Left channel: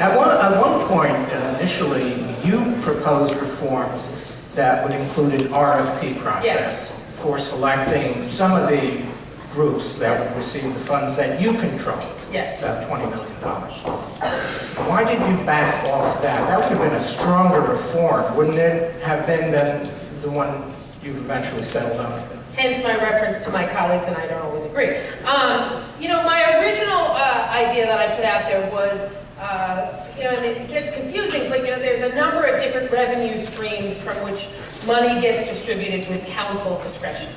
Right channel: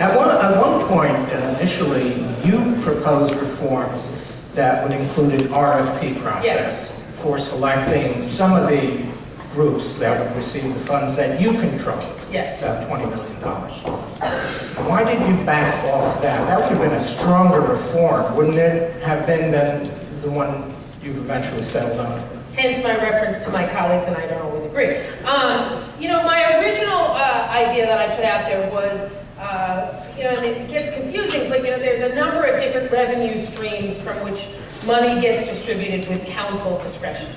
At one point, initially, you proposed reforms that would include an RFP process for selecting some of the groups that would receive the funds that you control. Yes. About $20 million. Why did you back off that? That would have been a stronger reform, wouldn't it have been, than the one you've eventually settled on? Hence my reference to my colleagues, and I don't always agree. You know, my original idea that I put out there was, you know, and it gets confusing, but you know, there's a number of different revenue streams from which money gets distributed with council discretion.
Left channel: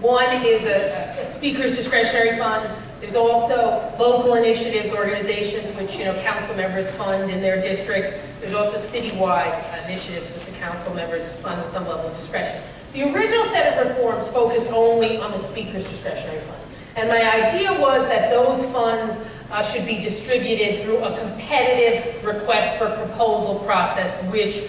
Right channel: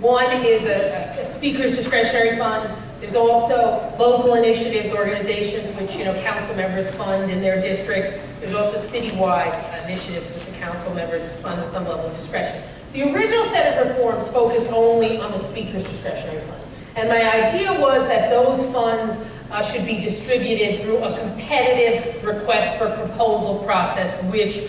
One is a speaker's discretionary fund. There's also local initiatives, organizations which, you know, council members fund in their district. There's also citywide initiatives which the council members fund at some level of discretion. The original set of reforms focused only on the speaker's discretionary fund. And my idea was that those funds should be distributed through a competitive request for proposal process, which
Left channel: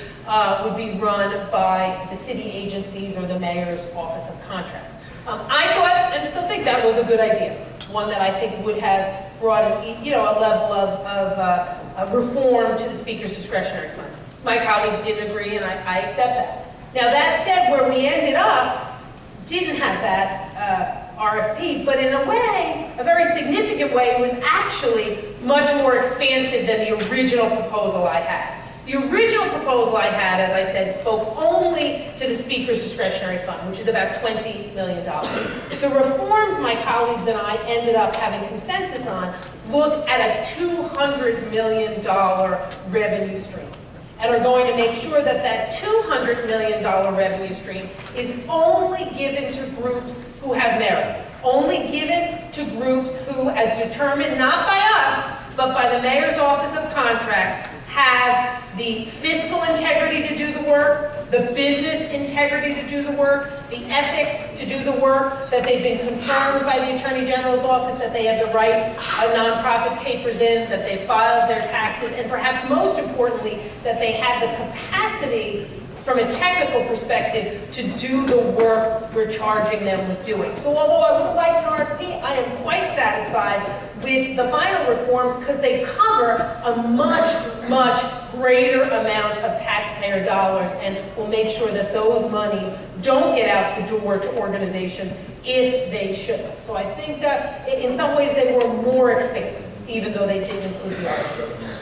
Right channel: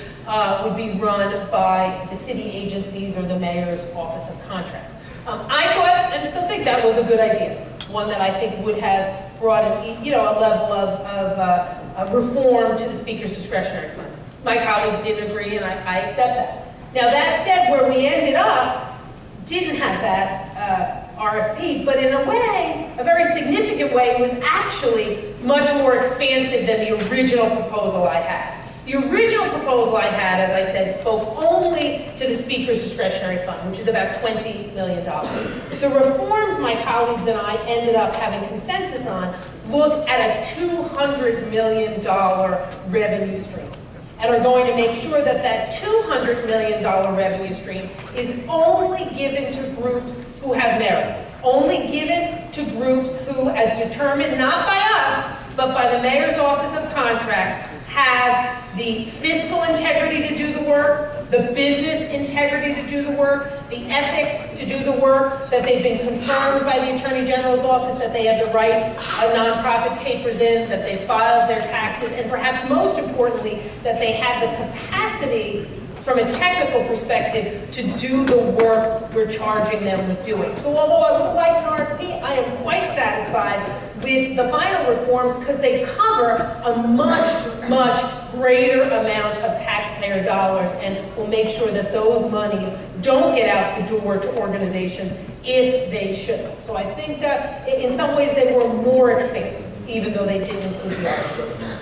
would be run by the city agencies or the mayor's office of contracts. I thought, and still think, that was a good idea. One that I think would have brought a level of reform to the speaker's discretionary fund. My colleagues didn't agree, and I accept that. Now that said, where we ended up didn't have that RFP, but in a way, a very significant way, it was actually much more expansive than the original proposal I had. The original proposal I had, as I said, spoke only to the speaker's discretionary fund, which is about $20 million. The reforms my colleagues and I ended up having consensus on look at a $200 million revenue stream, and are going to make sure that that $200 million revenue stream is only given to groups who have merit, only given to groups who, as determined not by us, but by the mayor's office of contracts, have the fiscal integrity to do the work, the business integrity to do the work, the ethics to do the work, that they've been confirmed by the Attorney General's office, that they have the right nonprofit papers in, that they filed their taxes, and perhaps most importantly, that they have the capacity from a technical perspective to do the work we're charging them with doing. So although I would have liked an RFP, I am quite satisfied with the final reforms because they cover a much, much greater amount of taxpayer dollars and will make sure that those monies don't get out the door to organizations if they shouldn't. So I think in some ways they were more expansive, even though they didn't include the RFP.